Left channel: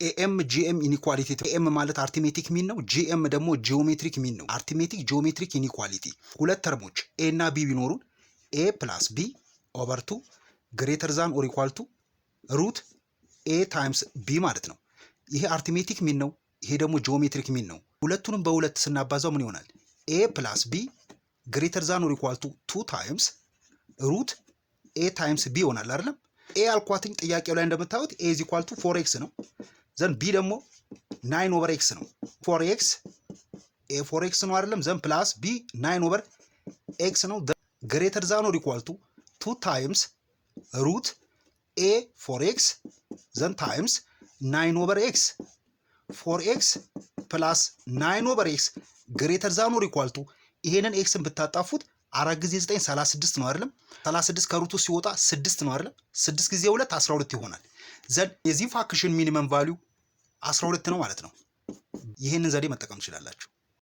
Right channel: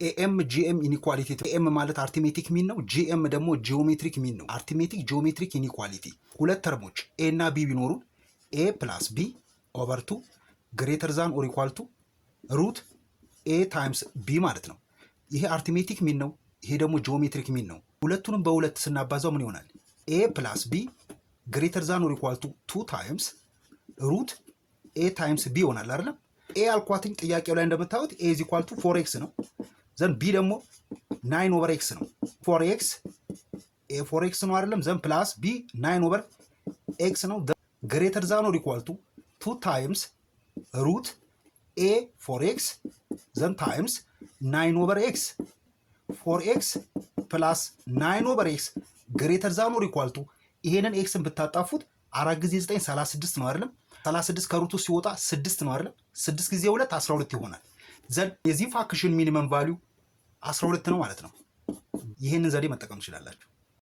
ኤኤም ጂኤም ኢኒኳሊቲ ኤኤም ማለት አርቲሜቲክ ሚን ነው። ጂኤም ደግሞ ጂኦሜትሪክ ሚን ነው። አርቲሜቲክ ጂኦሜትሪክ ኢኒኳሊቲ ሁለት ተርሞች ኤ እና ቢ ቢኖሩን ኤ ፕላስ ቢ ኦቨር 2 ግሬተር ዛን ኦር ኢኳል ቱ ሩት ኤ ታይምስ ቢ ማለት ነው። ይሄ አርቲሜቲክ ሚን ነው። ይሄ ደግሞ ጂኦሜትሪክ ሚን ነው። ሁለቱንም በሁለት ስናባዛው ምን ይሆናል? ኤ ፕላስ ቢ ግሬተር ዛን ኦር ኢኳል ቱ 2 ታይምስ ሩት ኤ ታይምስ ቢ ይሆናል አይደለም? ኤ አልኳትኝ ጥያቄው ላይ እንደምታዩት ኤ ኢዝ ኢኳል ቱ 4x ነው። ዘን ቢ ደግሞ 9 ኦቨር ኤክስ ነው። 4x ኤ 4x ነው አይደለም? ዘን ፕላስ ቢ 9 ኦቨር ኤክስ ነው። ግሬተር ዛን ኦር ኢኳል ቱ 2 ታይምስ ሩት ኤ 4x ዘን ታይምስ 9 ኦቨር ኤክስ 4x ፕላስ 9 ኦቨር ኤክስ ግሬተር ዛን ኦር ኢኳል ቱ ይሄንን ኤክስን ብታጣፉት 4 ጊዜ 9 36 ነው አይደለም? 36 ከሩቱ ሲወጣ 6 ነው አይደለም? 6 ጊዜ 2 12 ይሆናል። ዘን የዚህ ፋክሽን ሚኒመም ቫልዩ 12 ነው ማለት ነው። ይሄንን ዘዴ መጠቀም ትችላላችሁ።